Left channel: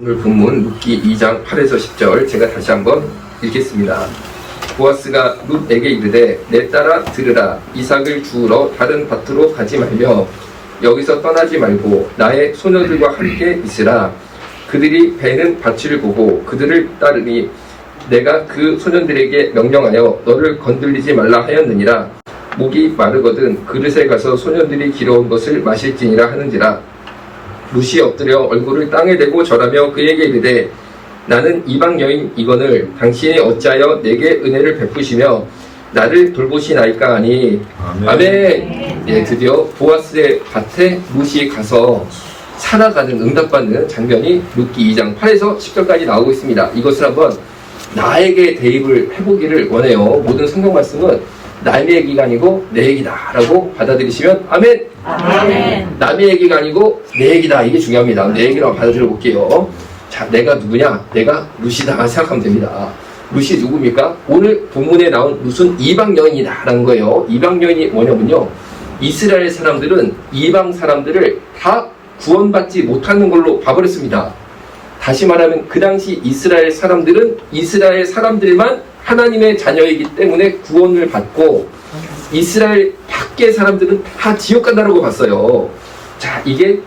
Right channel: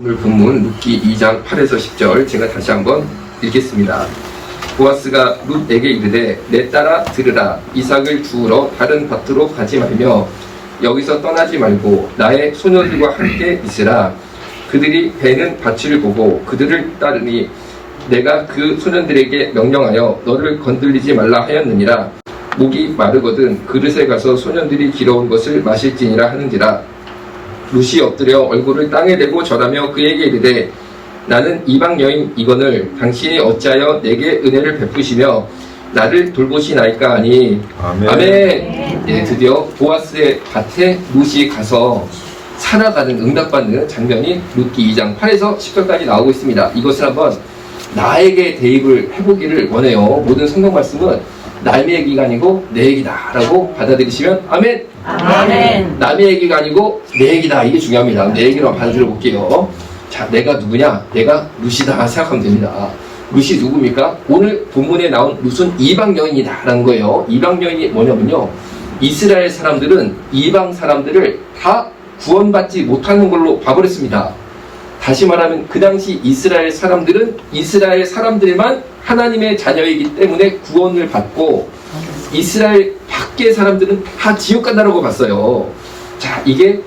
오늘 본문 룻기 2장 8에서 10절 제가 다시 한번 읽겠습니다. 보아스가 룻에게 이르되 내 딸아 들으라. 이삭을 주우러 다른 밭으로 가지 말며 여기서 떠나지 말고 나의 소녀들과 함께 있으라. 그들이 베는 밭을 보고 그들을 따르니 내가 그 소년들에게 명령하여 너를 건들리지 말라 하였느니라. 목이 마르거든 그릇에 가서 소년들이 길어온 것을 마실지니라 하는지라. 룻이 엎드려 얼굴을 땅에 대고 절하며 그에게 이르되 나는 이방 여인이거늘 당신이 어찌하여 내게 은혜를 베푸시며 나를 돌보시나이까 하니 아멘. 예, 드디어 보아스의 밭에 룻이 가서 살아가는 응답받는 장면이 룻기 2장 8에서 10절까지 나오고 있습니다. 이것을 한번 나에게 대입을 해보기를 원해요. 모든 성경 말씀은 남의 얘기가 아니고 내 얘기다 라고 받아들이시면 아멘. 아멘. 남의 얘기가 아니고 내 얘기다. 이게 중요합니다. 내 얘기라고 받아들여 볼게요. 자, 내가 누구냐? 내가 룻이다 생각하면 됩니다. 룻이 누굽니까? 오늘 본문에 나온 룻은 이방 여인이다 라는 거예요. 이방 여인이 뭐냐면요, 이스라엘 사람들은 이방 사람들을 다 구원받지 못하는 걸로 봐버렸습니다. 다시 말하면 그 당시 이스라엘 사람들은 이스라엘 사람들만 하나님의 자녀이기 때문에 구원을 받고 이스라엘 밖의 사람들은 다 지옥 간다라고 봤어요. 자, 이게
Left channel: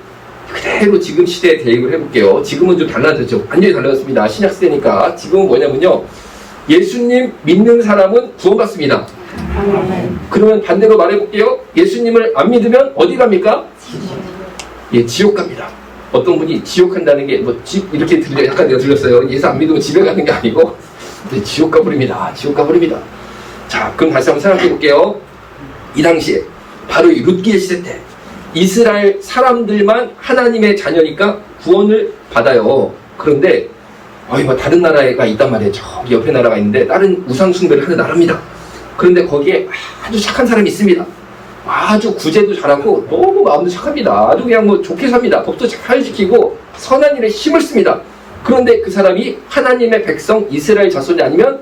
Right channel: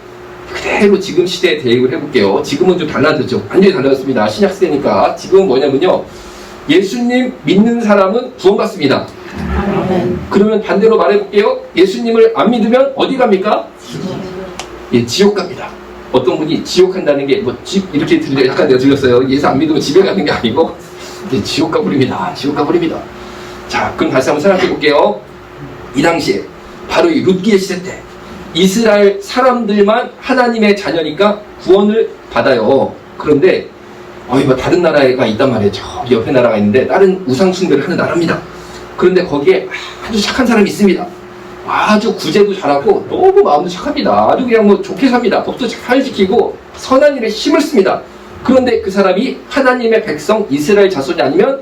그대로 지금 시대에 대입을 해볼게요. 지금은 좀 달라졌죠. 완전히 달라졌습니다. 신약 시대니까. 지금은 뭐냐면요, 예수님 믿는 사람은 구원받습니다. 그러면 반대로 말해볼게요. 예수님을 안 믿으면 어디 갑니까? 예, 지옥 갑니다. 어떤 분이 지옥 간다는 게 뭐 집 이렇게 들려, 약간 내가 들렸어요. 예수 안 믿으면 집에 가는 게 아니고 네, 지옥 가버립니다. 지옥 가버립니다. 자, 그럼 다시 한번 생각해 볼게요. 이 당시에 바로 이 룻기의 시대 때 이스라엘 사람들만 하나님의 자녀니까 구원을 받아요. 그런데 뭐 다른 나라가 있단 말이에요. 저 옆에 나라가 있는데 다른 우상 숭배를 하는 나라입니다. 그런데 거기에 아주 착한 사람이 있습니다. 아주 구제도 잘하고 너무 마음도 착합니다. 아주 그냥 뭐 좋게 삽니다. 법도 잘 지키고 선한 일에 힘을 씁니다. 그런데 그 사람이 하나님의 백성 이스라엘 자손이 아니면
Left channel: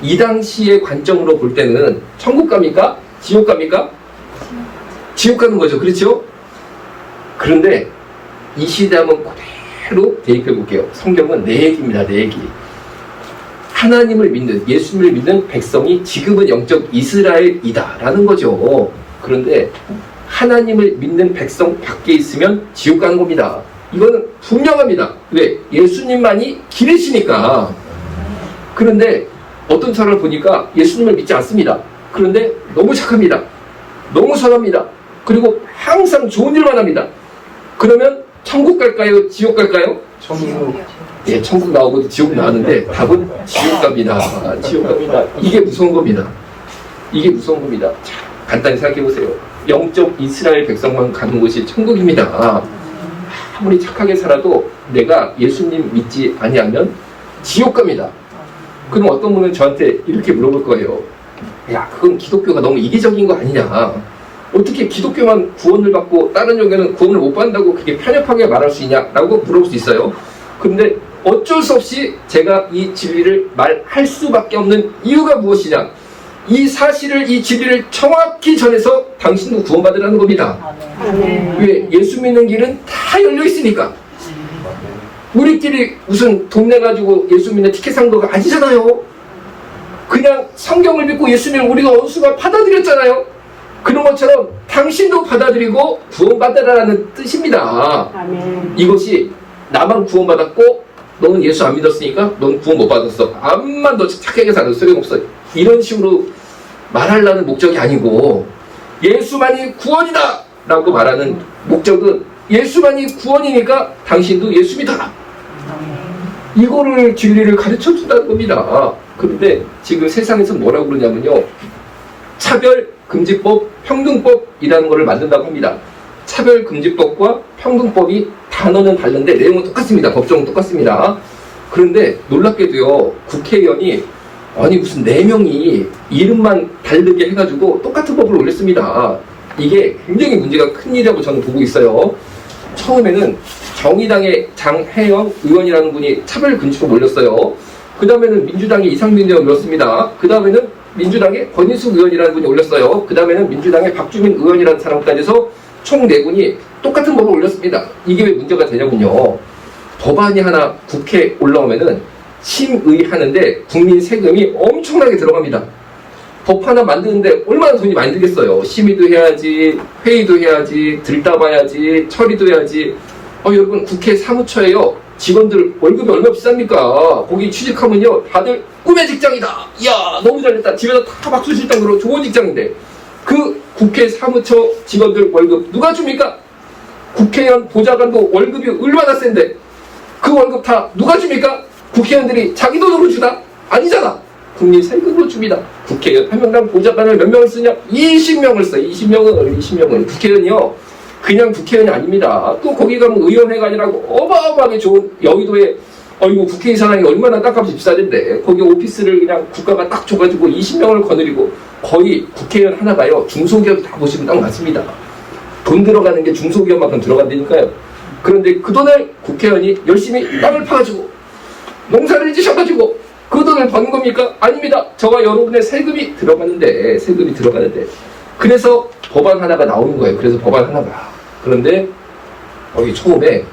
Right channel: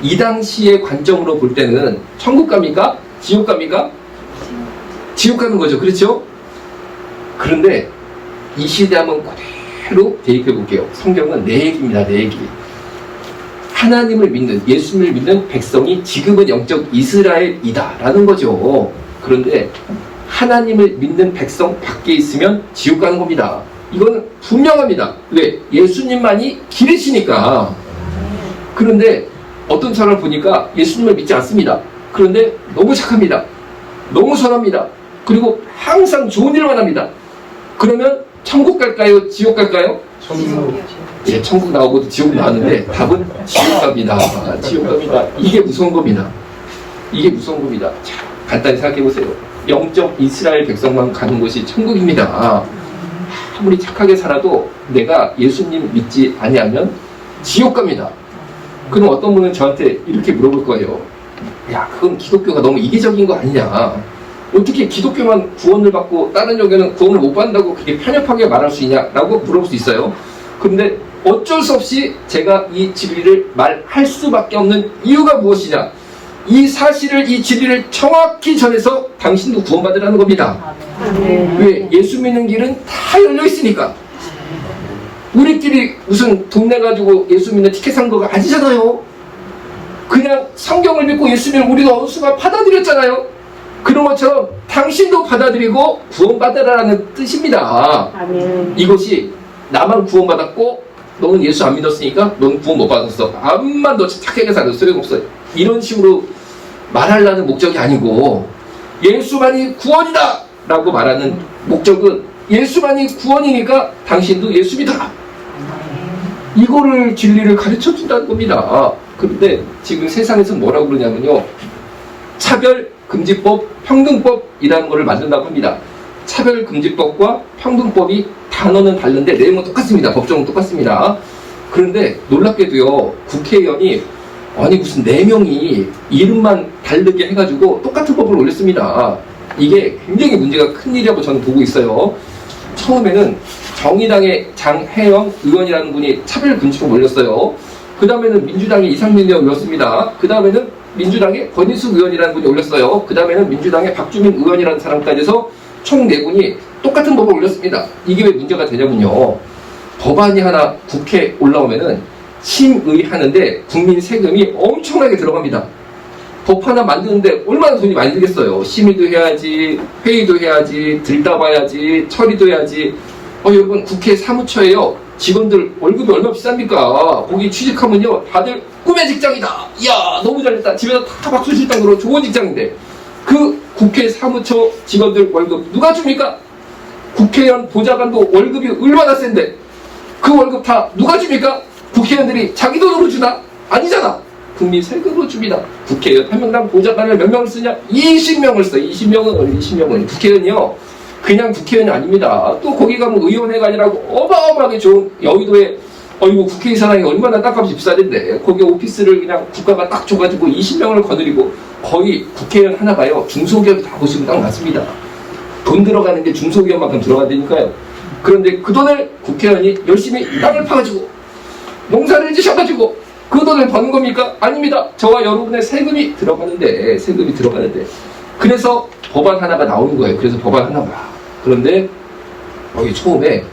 이 당시의 관점으로 볼 때는 천국 갑니까? 지옥 갑니까? 지옥 가는 거죠. 그렇죠? 그런데 이 시대 한번 그대로 대입해 볼게요. 성경은 내 얘기입니다. 내 얘기. 하나님을 믿는, 예수님을 믿는 백성이 지금은 영적 이스라엘이다 라는 거죠. 그런데 하나님을 믿는 백성 밖에 있으면 지옥 가는 겁니다. 이거는 분명합니다. 왜? 예수님만이 길이시니까. 그런데 어떤 사람을 보니까 예수님을 믿지 않습니다. 그런데 너무 착합니다. 너무 선합니다. 그리고 항상 좋은 일만 합니다. 그러면 천국 갈까요? 지옥 갈까요? 천국. 예, 천국 나오고도 지옥 나왔는데 답은 지옥 갑니다. 지옥 갑니다. 이게 무서운 겁니다. 이게 무서운 겁니다. 자, 간단히 생각해 보세요. 영적 이스라엘 백성만 가는 곳이 천국입니다. 아무리 착하게 살아도 내가 예수님 믿지 아니하면 지옥 갑니다. 그럼 어떤 분은 저한테 이렇게 물어볼 거예요. 야, 그건 기독교가 너무 이기적인 거 아니냐? 어떻게 기독교만 구원을 받고 다른 종교는 구원을 못 받는다고 그렇게 편협하게 말할 수 있냐라고 물어볼 수 있어요. 근데 어쩔 수 없이 제가 이 진리를 말할 수밖에 없는 이유가 무엇이냐? 이 사실을, 이 진리를 정확히 전해서 당신도 구원받으라는 겁니다. 왜? 예수 믿는 길은 다 열려 있으니까. 우리끼리 무슨 동네 가지고 예수 믿는 티켓 산 거가 아니잖아요. 그냥 성경을 믿고 예수님을 우리가 원수가 받아들였잖아요. 그런 것처럼 당신도 받아들이고 구원받으라는 뜻입니다. 이것이 나만 구원받았고 너는 예수 안 믿었으니까 넌 구원 못 받았어. 암만 너 착하게 살아도 소용없어. 이런 식으로 말하려는 목적이 아니고 예수만이 구원이다 라고 말하는 목적은 예수만이 구원이니까 당신도 예수 믿어라. 이거를 진리를 가르쳐 준다는 겁니다. 그런데 지금 세상에서 뭐라고 그러냐면요, 차별금지법, 평등법이라는 거를 만든다고 합니다. 차별금지법과 평등법이 단어는 다른데 내용은 똑같습니다. 법정은 똑같습니다. 그런데 놀랍게도요, 국회의원이 아니 무슨 4명이 이름만 다르게 해가지고 똑같은 법을 올렸습니다. 이게 굉장히 문제가 큰 일이라고 저는 보고 있어요. 처음에는 정의당의 장혜영 의원이라는 분이 차별금지법 올렸어요. 그 다음에는 민주당의 이상민 의원 올렸습니다. 그 다음에는 민주당의 권인숙 의원이라는 분이 올렸어요. 그 다음에는 민주당의 박주민 의원이라는 사람까지 해서 총 4분이 똑같은 법을 올렸습니다. 이게 왜 문제가 되냐면요, 법안이 하나 국회에 올라오면은 심의하는데 국민 세금이 엄청나게 들어갑니다. 법 하나 만드는데 얼마나 돈이 많이 들겠어요. 심의도 해야지, 회의도 해야지, 들다봐야지, 처리도 해야지. 여러분 국회 사무처에요. 직원들 월급이 얼마나 비쌉니까? 거기 취직하면요 다들 꿈의 직장이다. 이야 너무 잘됐다. 집에서 다 박수 칠 정도로 좋은 직장인데 그 국회 사무처 직원들 월급 누가 줍니까? 국회의원 보좌관도 월급이 얼마나 센데 그 월급 다 누가 줍니까? 국회의원들이 자기 돈으로 주나? 아니잖아. 국민 세금으로 줍니다. 국회의원 한 명당 보좌관을 몇 명을 쓰냐? 20명을 써. 20명은 국회의원이요. 그냥 국회의원이 아닙니다. 또 거기 가면 의원회가 아니라고 어마어마하게 좋은 여의도에 국회의사당이 얼마나 땅값이 비싸던데 거기 오피스를 그냥 국가가 딱 줘가지고 20명을 거느리고 거의 국회의원 하나가요. 중소기업이 다 보시면 딱 맞습니다. 돈 들어가는 게 중소기업만큼 들어간다니까요. 그런데 그 돈을 국회의원이 열심히 땅을 파가지고 농사를 지셔가지고 그 돈을 번 겁니까? 아닙니다. 저와 여러분의 세금이 들어가는데 그래서 법안 하나가 나오는 거예요. 그래서 법안 하나가. 그런데 여기 처음에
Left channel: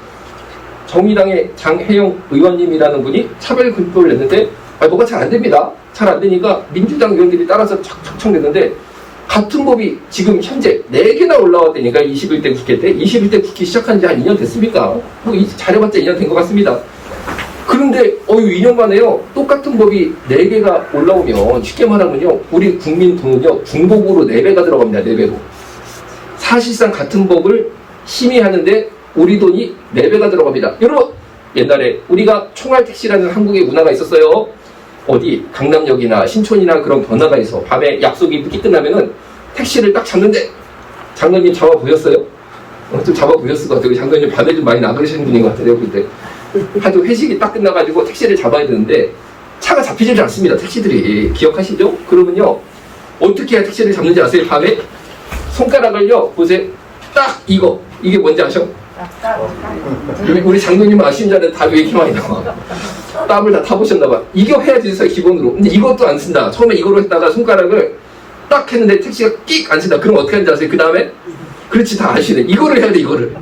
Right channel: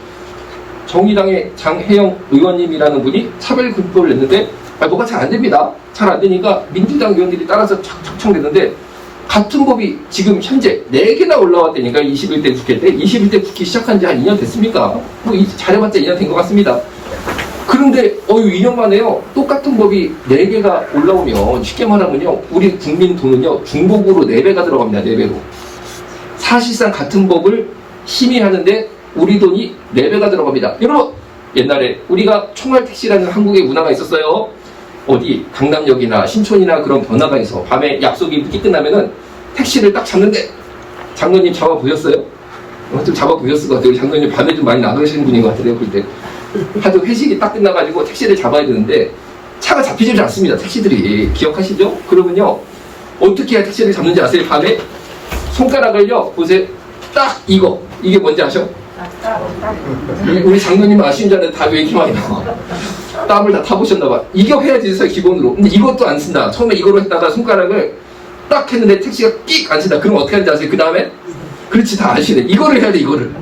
정의당의 장혜영 의원님이라는 분이 차별금지법을 냈는데 뭐가 잘 안 됩니다. 잘 안 되니까 민주당 의원들이 따라서 척척냈는데 같은 법이 지금 현재 4개나 올라왔다니까 21대 국회 때 21대 국회 시작한 지 한 2년 됐습니까? 잘해봤자 2년 된 것 같습니다. 그런데 2년 만에요 똑같은 법이 4개가 올라오면 쉽게 말하면요 우리 국민 돈은요 중복으로 4배가 들어갑니다. 4배로 사실상 같은 법을 심의하는데 우리 돈이 4배가 들어갑니다. 여러분 옛날에 우리가 총알택시라는 한국의 문화가 있었어요. 어디 강남역이나 신촌이나 그런 번화가에서 밤에 약속이 늦게 끝나면은 택시를 딱 잡는데 장로님 잡아보셨어요? 좀 잡아보셨을 것 같아요. 장로님 밤에 좀 많이 나가시는 분인 것 같아요. 그때 하도 회식이 딱 끝나가지고 택시를 잡아야 되는데 차가 잡히질 않습니다. 택시들이 기억하시죠? 그러면요 어떻게 해야 택시를 잡는지 아세요? 밤에 손가락을요 보세요. 딱 이게 뭔지 아셔? 우리 장로님은 아시는 줄 알았는데 답이 왜 이렇게 많이 나와? 땀을 다 타보셨나봐. 이거 해야지 있어요 기본으로. 근데 이것도 안 쓴다. 처음에 이거로 했다가 손가락을 딱 했는데 택시가 끽 안 쓴다. 그럼 어떻게 하는지 아세요? 그 다음에 그렇지 다 아시네. 이거를 해야 돼. 이거를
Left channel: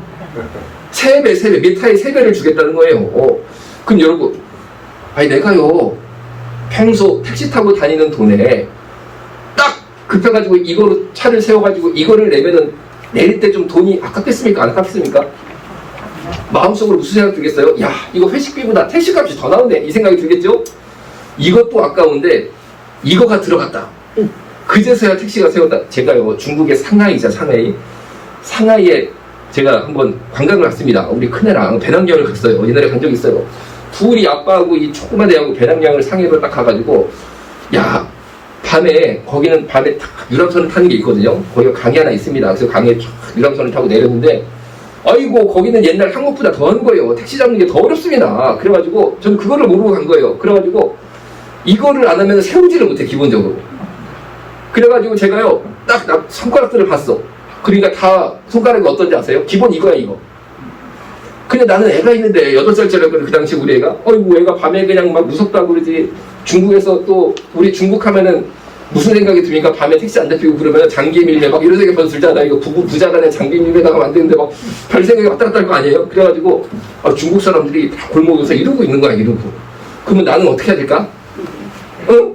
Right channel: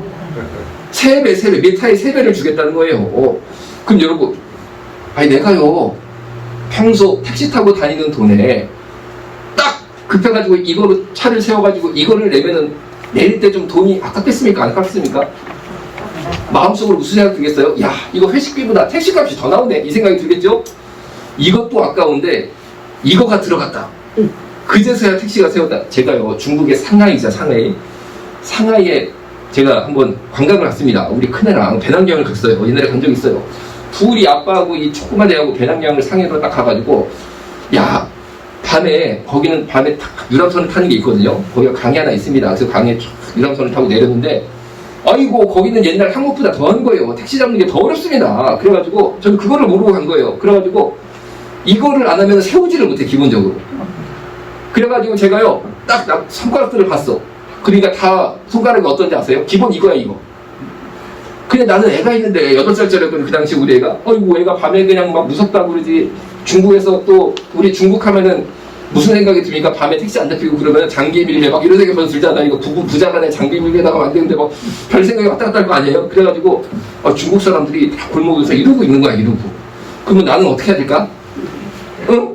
3배 메타에 3배를 주겠다는 거예요. 그럼 여러분 내가요 평소 택시 타고 다니는 돈에 딱 급해가지고 이거로 차를 세워가지고 이거를 내면은 내릴 때 좀 돈이 아깝겠습니까? 안 아깝겠습니까? 마음속으로 무슨 생각 들겠어요? 야 이거 회식비보다 택시값이 더 나오네 이 생각이 들겠죠? 이것도 아까운데 이거가 들어갔다. 그제서야 택시가 세웠다. 제가요 중국의 상하이자 상하이에 제가 한번 관광을 갔습니다. 우리 큰애랑 배낭여행을 갔어요. 옛날에 간 적이 있어요. 둘이 아빠하고 이 조그만 애하고 배낭여행을 상해로 딱 가가지고 밤에 거기는 밤에 유람선을 타는 게 있거든요. 거기가 강이 하나 있습니다. 그래서 강에 유람선을 타고 내렸는데 거기는 옛날 한국보다 더한 거예요. 택시 잡는 게 더 어렵습니다. 그래가지고 저는 그거를 모르고 간 거예요. 그래가지고 이거를 안 하면 세우지를 못해 기본적으로. 그래가지고 제가요 딱 손가락들을 봤어. 그러니까 다 손가락이 어떤지 아세요? 기본 이거야 이거. 근데 나는 애가 있는데 8살짜리였거든 그 당시 우리 애가. 애가 밤에 그냥 막 무섭다고 그러지. 중국에서 또 우리 중국 하면은 무슨 생각이 듭니까? 밤에 택시 안 잡히고 그러면 장기밀매 막 이런 생각이 벌써 들잖아. 이거 부자간에 장기밀매다가 만드는데 막 별 생각이 왔다 갔다 할 거 아니에요? 그래가지고 중국 사람들이 다 골목에서 이러고 있는 거야 이러고. 그러면 나는 어떻게 해야 될까? 응?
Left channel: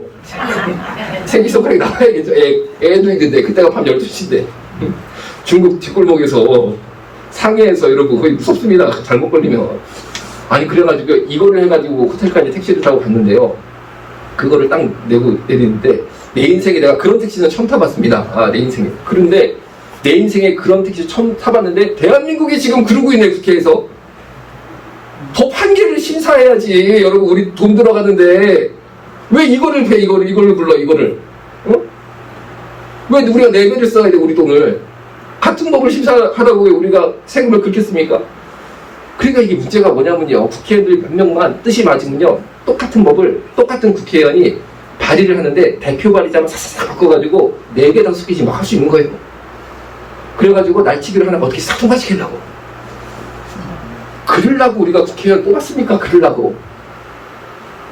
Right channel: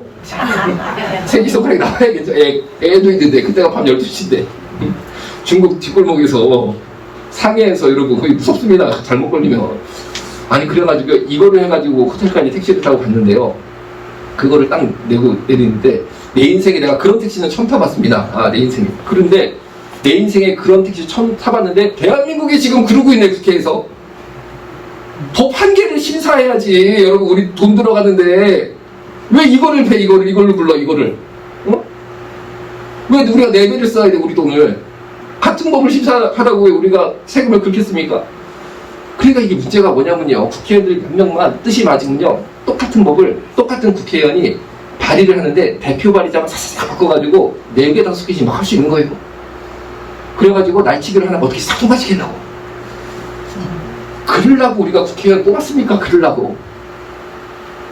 새끼손가락이 나와야겠죠. 애도 있는데 그때가 밤 12시인데 중국 뒷골목에서 상해에서 이러고 거의 무섭습니다. 잘못 걸리면. 그래가지고 이거를 해가지고 호텔까지 택시를 타고 갔는데요. 그거를 딱 내고 내리는데 내 인생에 내가 그런 택시는 처음 타봤습니다. 내 인생에. 그런데 내 인생에 그런 택시 처음 타봤는데 대한민국이 지금 그러고 있네 국회에서. 법 한 개를 심사해야지. 여러분 우리 돈 들어가는데 왜 이거를 배 이걸로 불러 이거를. 왜 우리가 4배를 써야 돼 우리 돈을. 같은 법을 심사하라고 왜 우리가 세금을 긁겠습니까? 그러니까 이게 문제가 뭐냐면요. 국회의원들 몇 명만 뜻이 맞으면요. 똑같은 법을 똑같은 국회의원이 발의를 하는데 대표 발의자만 싹싹 바꿔가지고 4개, 5개씩 막 할 수 있는 거예요. 그래가지고 날치기를 하나 어떻게 싹 통과시키려고. 그러려고 우리가 국회의원 뽑았습니까? 그러려고.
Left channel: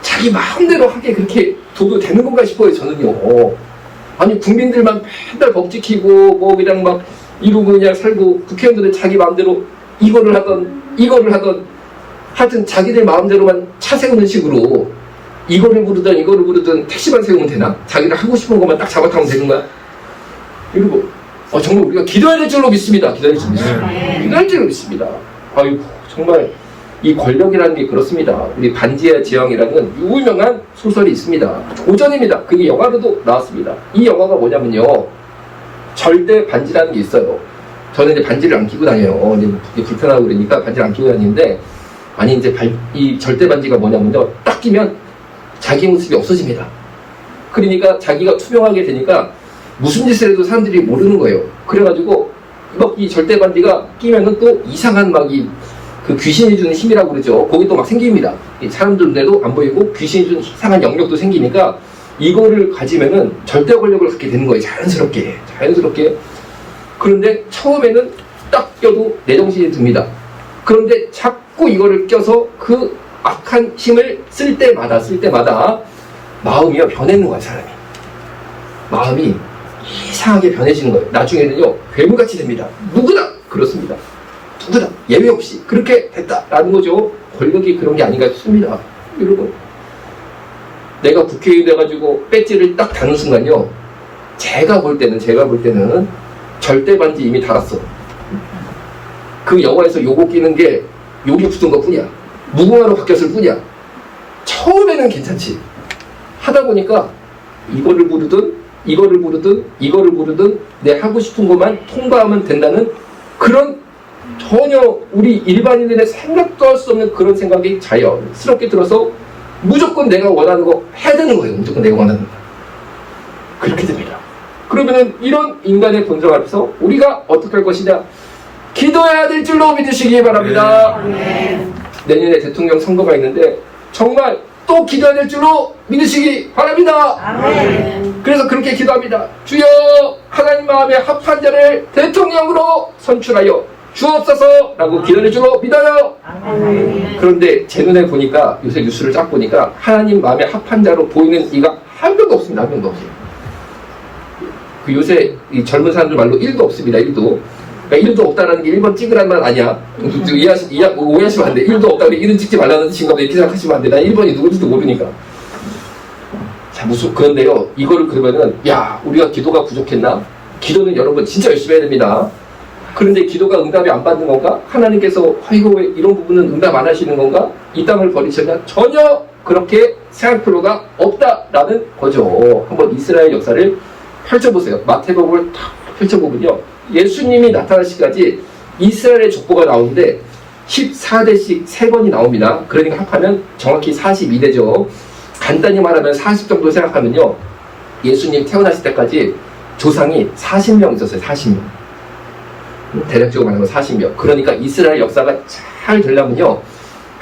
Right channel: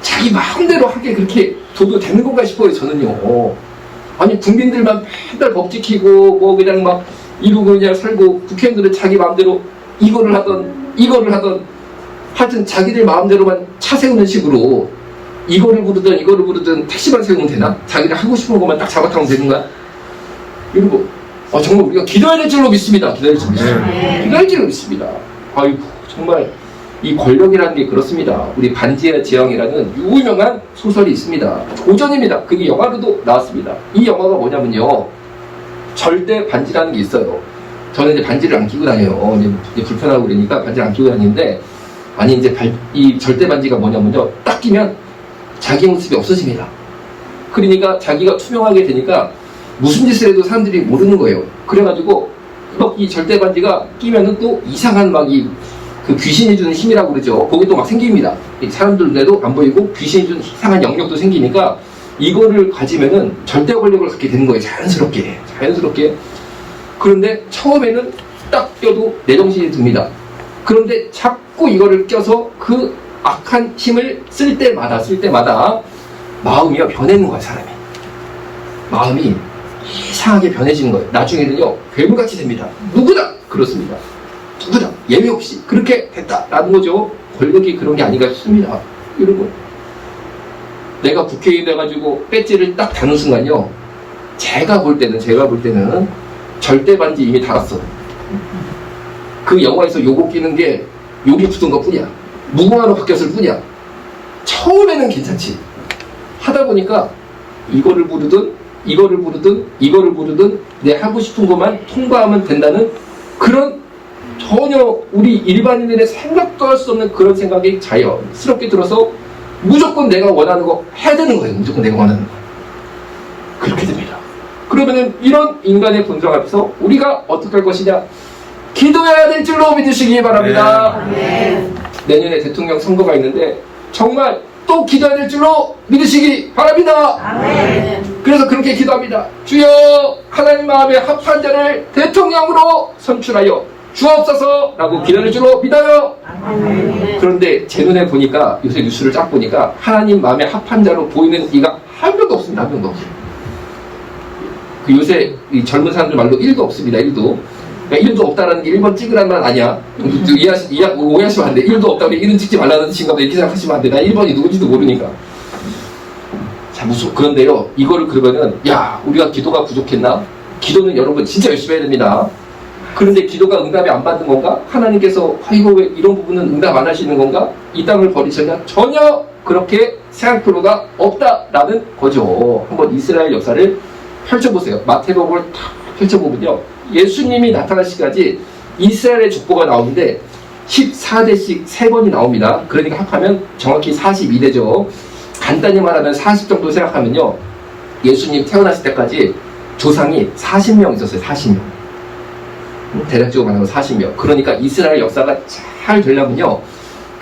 자기 마음대로 하게 그렇게 둬도 되는 건가 싶어요. 저는요. 국민들만 맨날 법 지키고 그냥 막 이러고 그냥 살고 국회의원들은 자기 마음대로 이거를 하던 하여튼 자기들 마음대로만 차 세우는 식으로 이거를 부르든 택시만 세우면 되나? 자기가 하고 싶은 것만 딱 잡아타면 되는 거야? 그리고 정말 우리가 기도해야 될 줄로 믿습니다. 기도해야 될 줄로 믿습니다. 아이고 정말 이 권력이라는 게 그렇습니다. 우리 반지의 제왕이라는 유명한 소설이 있습니다. 고전입니다. 그게 영화로도 나왔습니다. 이 영화가 뭐냐면요, 절대 반지라는 게 있어요. 저는 이제 반지를 안 끼고 다녀요. 이제 불편하고 그러니까 반지를 안 끼고 다니는데, 아니 이제 이 절대 반지가 뭐냐면요, 딱 끼면 자기 모습이 없어집니다. 그러니까 자기가 투명하게 되니까 무슨 짓을 해도 사람들이 모르는 거예요. 그래가지고 막 이 절대 반지가 끼면은 또 이상한 그 귀신이 주는 힘이라고 그러죠. 그게 또 막 생깁니다. 사람들 눈에도 안 보이고 귀신이 주는 이상한 영역도 생기니까 이거를 가지면은 절대 권력을 갖게 되는 거예요. 자연스럽게. 그런데 처음에는 딱 껴도 내 정신이 듭니다. 그런데 자꾸 이거를 껴서 그 악한 힘을 쓸 때마다 마음이 변해는 거야, 사람이. 마음이 이상하게 변해지는 거예요. 나중에는요, 괴물같이 됩니다. 누구나 그렇습니다. 누구나 예외 없이 그렇게 됐다라는 거죠. 권력이 그런 게 아닌가 싶습니다. 여러분, 내가 국회의원 돼가지고 배지를 딱 다는 순간요, 제가 볼 때는 절대 반지 이미 달았어. 그 영화에서 요거 끼는 게 요리 붙은 것 뿐이야. 무궁화로 바뀌었을 뿐이야. 처음에는 괜찮지. 하다 보니까 이거를 부르든 내 하고 싶은 것만 통과하면 된다는 그런, 전혀 우리 일반인들의 생각도 할 수 없는 그런 생각이 자연스럽게 들어서 무조건 내가 원하는 거 해야 되는 거예요. 무조건 내가 원하는 거. 그렇게 됩니다. 그러면은 이런 인간의 본성 앞에서 우리가 어떻게 할 것이냐? 기도해야 될 줄로 믿으시기 바랍니다. 내년에 대통령 선거가 있는데 정말 또 기도해야 될 줄로 믿으시기 바랍니다. 그래서 그렇게 기도합니다. 주여, 하나님 마음에 합한 자를 대통령으로 선출하여 주옵소서 라고 기도할 줄로 믿어요. 그런데 제 눈에 보니까, 요새 뉴스를 쫙 보니까 하나님 마음에 합한 자로 보이는 이가 한 명도 없습니다. 한 명도 없어요. 그 요새 이 젊은 사람들 말로 1도 없습니다. 1도. 그러니까 1도 없다라는 게 1번 찍으라는 말 아니야. 오해하시면 안 돼. 1도 없다고 1은 찍지 말라는 뜻인가 보다 이렇게 생각하시면 안 돼. 난 1번이 누군지도 모르니까. 자, 그런데요, 이거를 그러면은, 우리가 기도가 부족했나? 기도는 여러분 진짜 열심히 해야 됩니다. 그런데 기도가 응답이 안 받는 건가? 하나님께서 왜 이런 부분은 응답 안 하시는 건가? 이 땅을 버리셨냐? 전혀 그렇게 생각할 필요가 없다라는 거죠. 한번 이스라엘 역사를 펼쳐보세요. 마태복음을 탁 펼쳐보면요, 예수님이 나타나시기까지 이스라엘의 족보가 나오는데 14대씩 3번이 나옵니다. 그러니까 합하면 정확히 42대죠. 간단히 말하면 40 정도 생각하면요, 예수님 태어나실 때까지 조상이 40명 있었어요. 40명. 대략적으로 말하면 40명. 그러니까 이스라엘 역사가 잘 되려면요,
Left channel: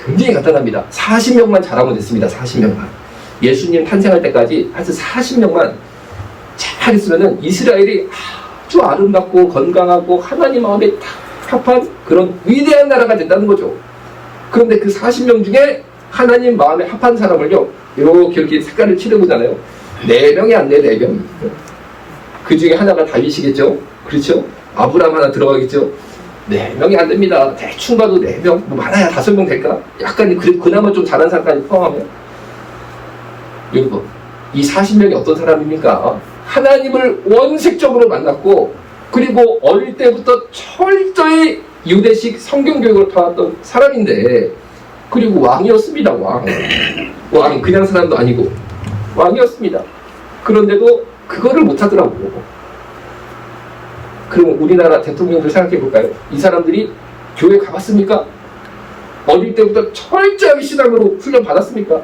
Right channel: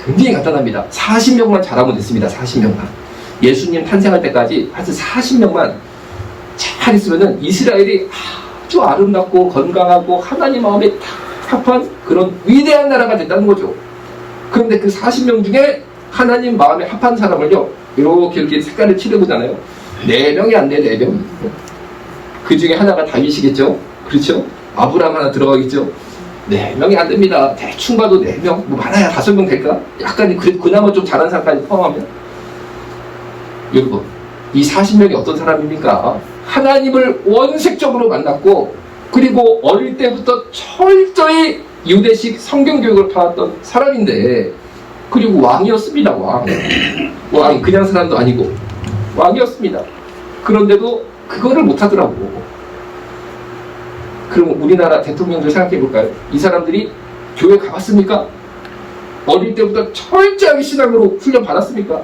굉장히 간단합니다. 40명만 잘하면 됐습니다. 40명만. 예수님 탄생할 때까지 하여튼 40명만 잘 있으면은 이스라엘이 아주 아름답고 건강하고 하나님 마음에 딱 합한 그런 위대한 나라가 됐다는 거죠. 그런데 그 40명 중에 하나님 마음에 합한 사람을요, 이렇게 색깔을 칠해보잖아요. 4명이 안 돼, 4명이. 그 중에 하나가 다윗이겠죠? 그렇죠? 아브라함 하나 들어가겠죠? 4명이 안 됩니다. 대충 봐도 4명, 뭐 많아야 5명 될까? 약간 그나마 좀 잘한 사람까지 포함하면? 여러분, 이 40명이 어떤 사람입니까? 하나님을 원색적으로 만났고, 그리고 어릴 때부터 철저히 유대식 성경교육을 받았던 사람인데, 그리고 왕이었습니다. 왕 그냥 사람도 아니고 왕이었습니다. 그런데도 그거를 못하더라고. 그럼 우리나라 대통령들 생각해 볼까요? 이 사람들이 교회 가봤습니까? 어릴 때부터 철저하게 신앙으로 훈련 받았습니까?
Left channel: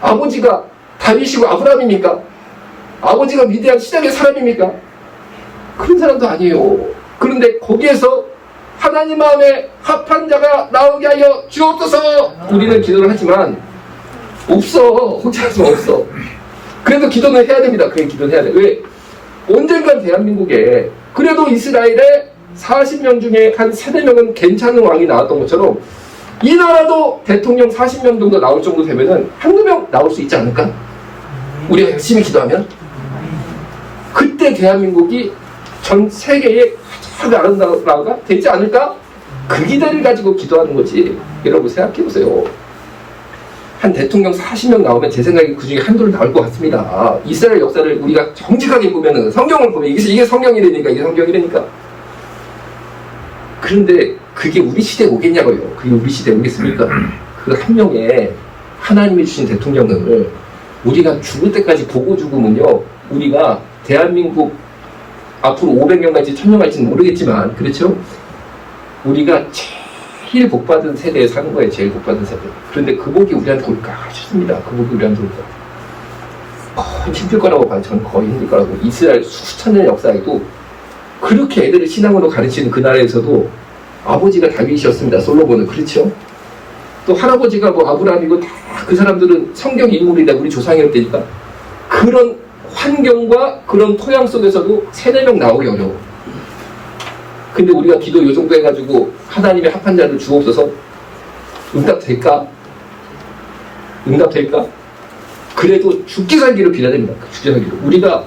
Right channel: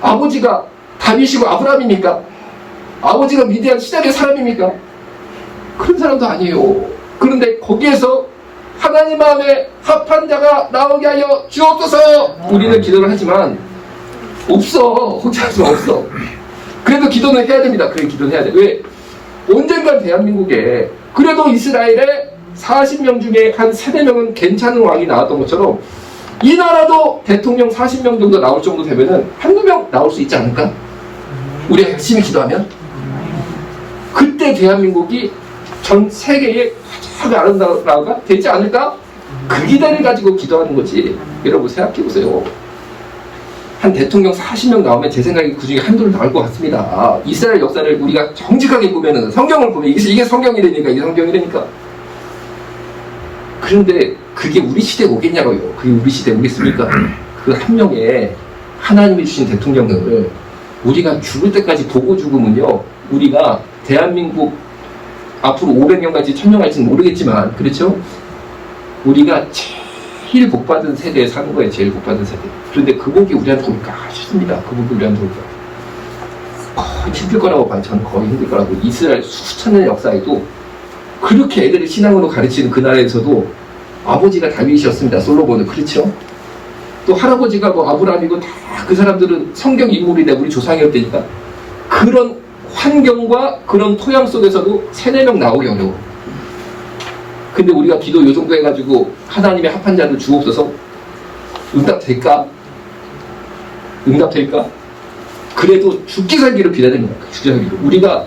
아버지가 다윗이고 아브라함입니까? 아버지가 위대한 신앙의 사람입니까? 그런 사람도 아니에요. 그런데 거기에서 하나님 마음에 합한 자가 나오게 하여 주옵소서. 우리는 기도를 하지만 없어. 혼자서 없어. 그래도 기도는 해야 됩니다. 그래, 기도는 해야 돼. 왜? 언젠간 대한민국에 그래도 이스라엘의 40명 중에 한 3-4명은 괜찮은 왕이 나왔던 것처럼 이 나라도 대통령 40명 정도 나올 정도 되면은 1-2명 나올 수 있지 않을까? 우리가 열심히 기도하면? 그때 대한민국이 전 세계의 가장 아름다운 나라가 되지 않을까? 그 기대를 가지고 기도하는 거지. 여러분 생각해보세요. 한 대통령 40명 나오면 제 생각에 그 중에 한둘 나올 것 같습니다. 이스라엘 역사를 우리가 정직하게 보면은, 성경을 보면 이게 성경이라니까, 이게 성경이라니까. 그런데 그게 우리 시대에 오겠냐고요. 그게 우리 시대에 오겠습니까? 그 한 명의 하나님이 주신 대통령을 우리가 죽을 때까지 보고 죽으면요, 우리가 대한민국 앞으로 500년 갈지 1000년 갈지는 모르겠지만, 그렇죠? 우리가 제일 복받은 세대에 사는 거예요. 제일 복받은 세대. 그런데 그 복이 우리한테 올까 싶습니다. 그 복이 우리한테 올까. 거의 힘들 거라고 봐요. 저는 거의 힘들 거라고. 이스라엘 수천 년 역사에도 그렇게 애들을 신앙으로 가르치는 그 나라에서도 아버지가 다윗이었습니다. 솔로몬은. 그렇죠? 또 할아버지가 뭐 아브라함이고 다 그 사람들은 성경 인물이다. 우리 조상이었다니까. 그런 환경과 그런 토양 속에서도 3-4명 나오기 어려워. 근데 우리가 기도 요 정도 해가지고 하나님의 합한 자를 주옵소서, 응답될까? 응답될까? 그래도 죽기 살기를 빌어야 됩니다. 죽기 살기를. 우리가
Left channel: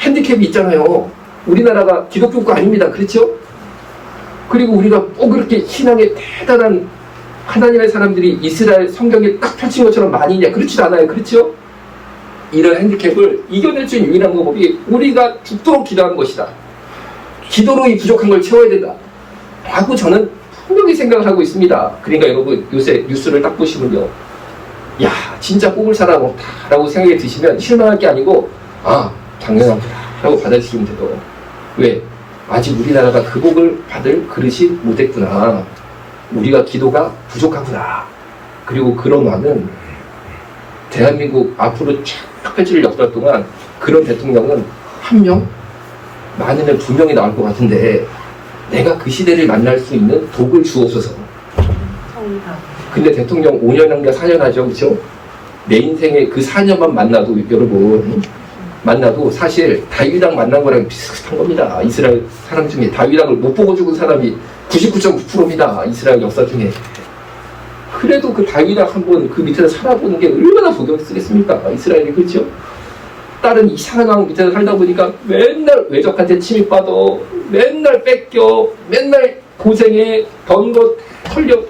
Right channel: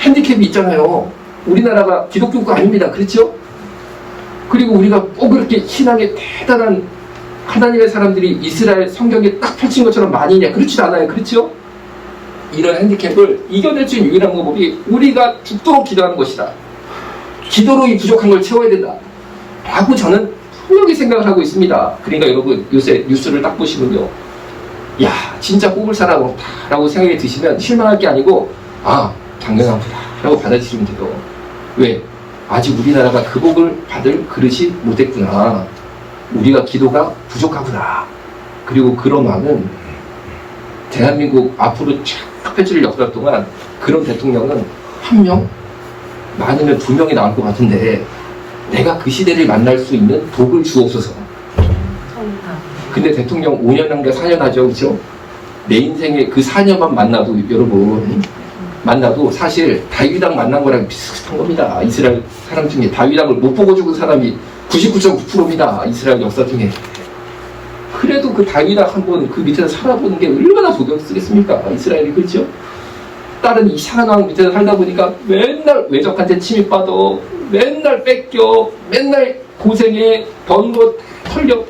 핸디캡이 있잖아요. 우리나라가 기독교가 아닙니다. 그렇죠? 그리고 우리가 꼭 그렇게 신앙에 대단한 하나님의 사람들이 이스라엘 성경에 딱 펼친 것처럼 많이 있냐? 그렇지 않아요. 그렇죠? 이런 핸디캡을 이겨낼 수 있는 유일한 방법이 우리가 죽도록 기도하는 것이다. 기도로 이 부족한 걸 채워야 된다 라고 저는 분명히 생각을 하고 있습니다. 그러니까 여러분 요새 뉴스를 딱 보시면요, 야 진짜 뽑을 사람 없다 라고 생각이 드시면 실망할 게 아니고, 아 당연하구나 라고 받아들이면 돼요. 왜? 아직 우리나라가 그 복을 받을 그릇이 못했구나. 우리가 기도가 부족하구나. 그리고 그런 왕은 대한민국 앞으로 쫙 펼칠 역사 동안 그런 대통령은 1명? 많으면 2명이 나올 것 같은데, 내가 그 시대를 만날 수 있는 복을 주옵소서. 근데 대통령 5년 한가 4년 하죠. 그렇죠? 내 인생에 그 4년만 만나도, 여러분 만나도 사실 다윗왕 만난 거랑 비슷한 겁니다. 이스라엘 사람 중에 다윗왕을 못 보고 죽은 사람이 99.9%입니다. 이스라엘 역사 중에. 그래도 그 다윗왕 한번 그 밑에서 살아보는 게 얼마나 복을 쓰겠습니까? 이스라엘이. 그렇죠? 다른 이상한 왕 밑에서 살다 보니까 맨날 외적한테 침입받아, 맨날 뺏겨, 맨날 고생해, 번 것 털려.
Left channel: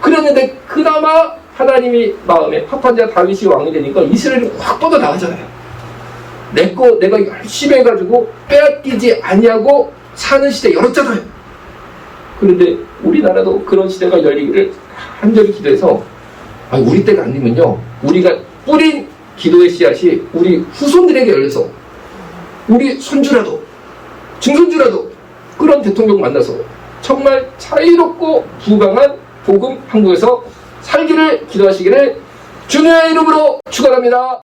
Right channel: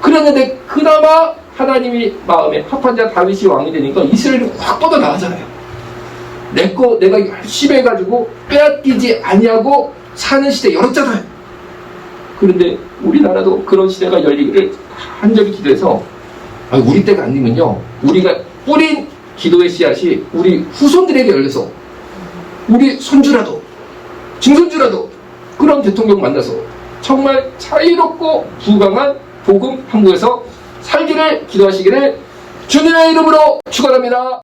그랬는데 그나마 하나님이 마음에 합한 자 다윗이 왕이 되니까 이스라엘이 확 뻗어 나가잖아요. 내가 열심히 해가지고 빼앗기지 아니하고 사는 시대 열었잖아요. 그런데 우리나라도 그런 시대가 열리기를 간절히 기도해서, 우리 때가 아니면요, 우리가 뿌린 기도의 씨앗이 우리 후손들에게 열려서 우리 손주라도 증손주라도 그런 대통령 만나서 정말 자유롭고 부강한 복음 한국에서 살기를 기도하시기를 주님의 이름으로 축원합니다.